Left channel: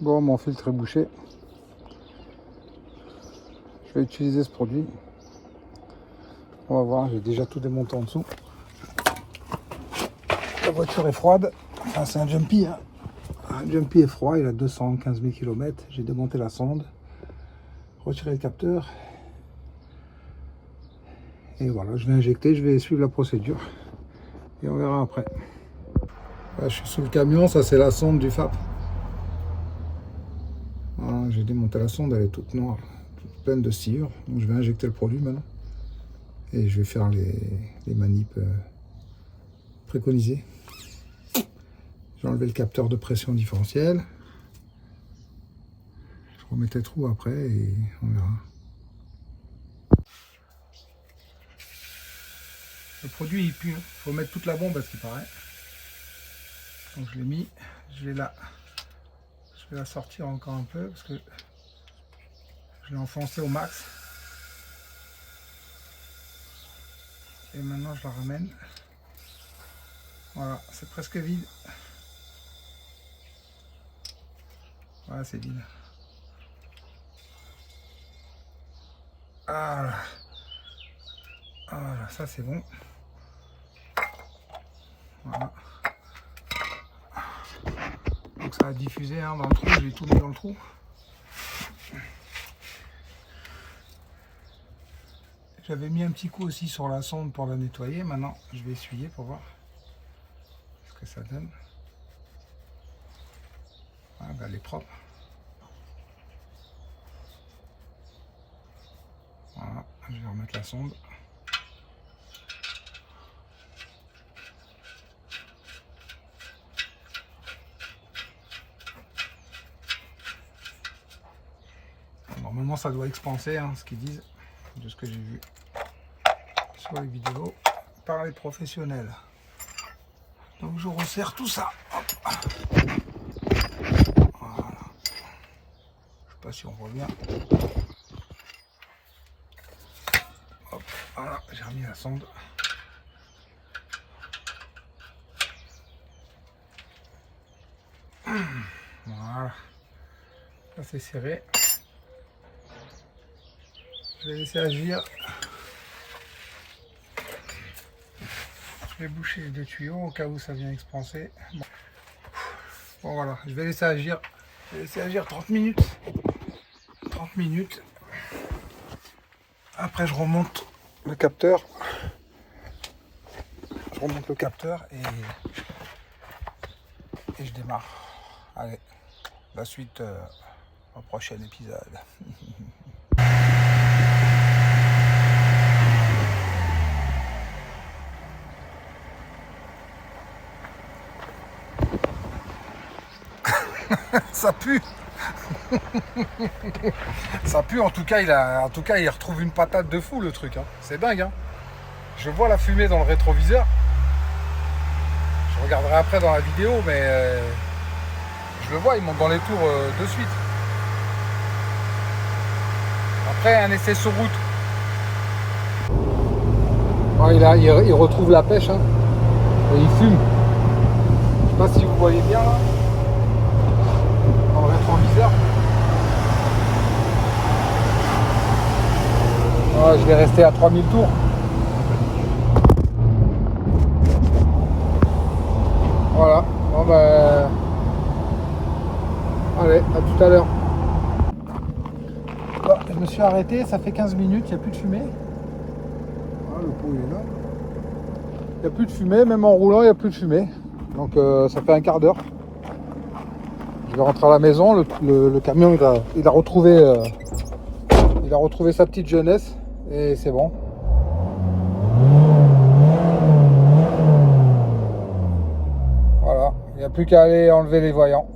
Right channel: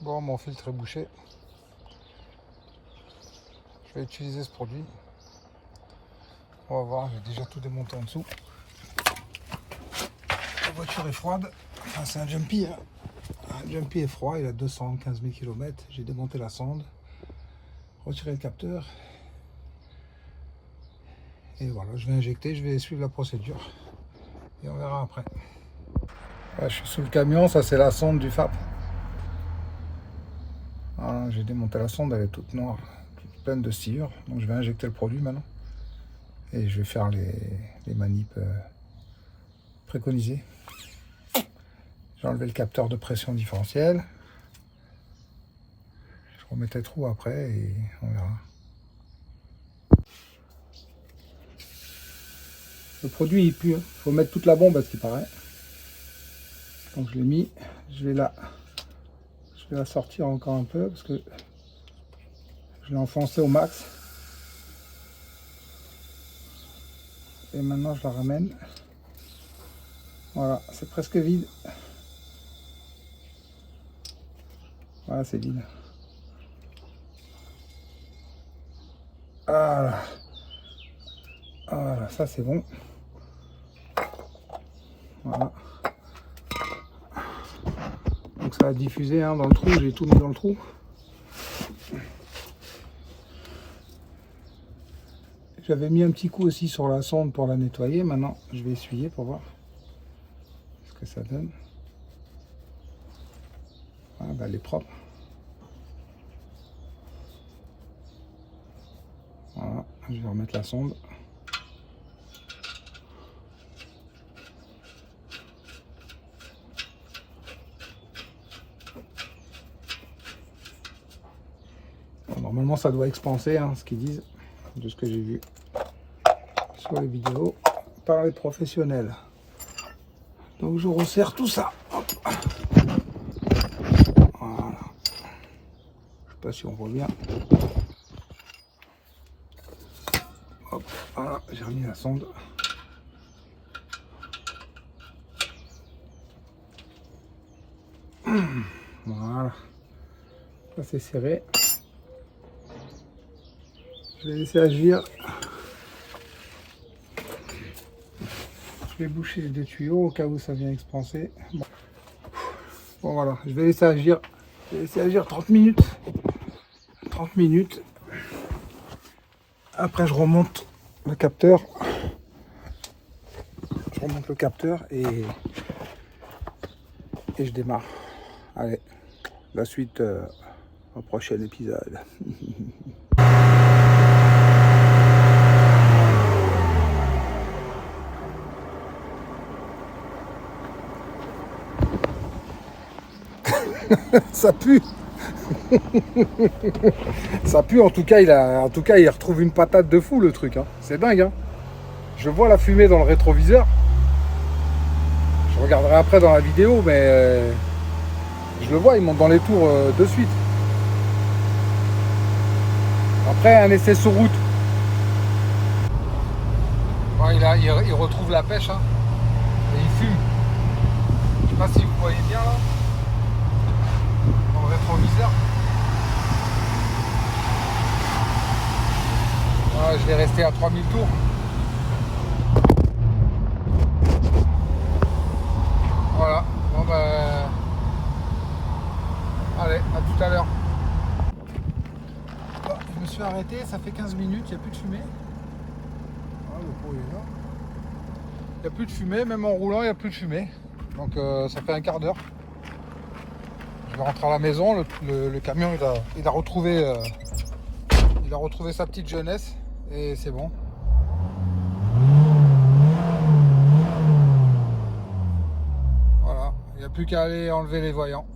Bon, mon filtre est bouché. Je vais utiliser ce produit. On va voir, j'ai déjà tout démonté en dessous. La voiture est froide. Enfin, c'est un Jumpy. Hein. Un Jumpy est froid, il a 215 000 km. J'ai démonté la sonde, retiré le capteur. Et voilà, je vais injecter, je vais suivre la procédure. Et on verra après. Là, je suis sous le camion, ça c'est la sonde du FAP. Voilà, j'ai démonté la sonde, elle est toute noire, toute pleine de sciure. Donc je vais injecter le produit maintenant. Et je vais faire les manips préconisées. J'ai enlevé le capteur de pression différentielle. Je remettrai le trou après et on verra. Le produit il pue, il faut mettre toute la bombe à ce qui paraît. Donc je l'ai mis, je vais la sortir encore un peu parce que je l'ai enfoncé au max. Et maintenant je la ramène. Voilà, c'est presque vide. Voilà, c'est vide. Voilà. Voilà, ça c'est bon. Voilà. Donc ça va diffuser hein, dans le trou, j'ai tout mis dans le trou. J'avais mis un petit coup aussi sur la sonde pour la nettoyer. Maintenant, je vais essuyer pour voir ce que ça donne. Voilà, bah, elle est propre. Voilà, je vais remettre la sonde. Normalement, ça doit expanser, hein, ce qu'ils disent, de ce que j'ai vu sur les vidéos par les professionnels. Donc, je resserre tout ça. Voilà. Je sais pas si on voit bien. Hop, voilà, j'ai remis la sonde. Voilà. Ça, c'est serré. Je vais laisser agir. Je vais boucher les deux tuyaux au cas où ça vient expanser. Bon voilà, je vais laisser agir. Je vais laisser agir 30 minutes. 30 minutes. Après je remonte le capteur. Je remonte le capteur et je démarre. Allez, la suite au prochain épisode. Ça pue. Ça pue, en tout cas il retrouve une patate de fou le truc, hein. C'est dingue, hein. Je vois la fumée dans le rétroviseur. Je regarderai après dans la vidéo, mais je le vois, il monte dans les tours de suite. Après un essai sur route. Oh, il retrouve la pêche, hein. Et il fume. Je sais pas si vous voyez bien. Voilà, je vais rester à 3000 tours. Voilà, bon bah, allez, à tout à l'heure. Bon, je me suis arrêté, ça fait 15 minutes, il n'y a plus de fumée. Voilà, le pot est là. Il n'y a plus de fumée, même en roulant, il n'y a plus de fumée. Donc ça fait un quart d'heure. Je vais rentrer à la maison, le camion il a retrouvé sa petite jeunesse et c'est bon. Voilà, il n'y a plus qu'à aller enlever les voyants.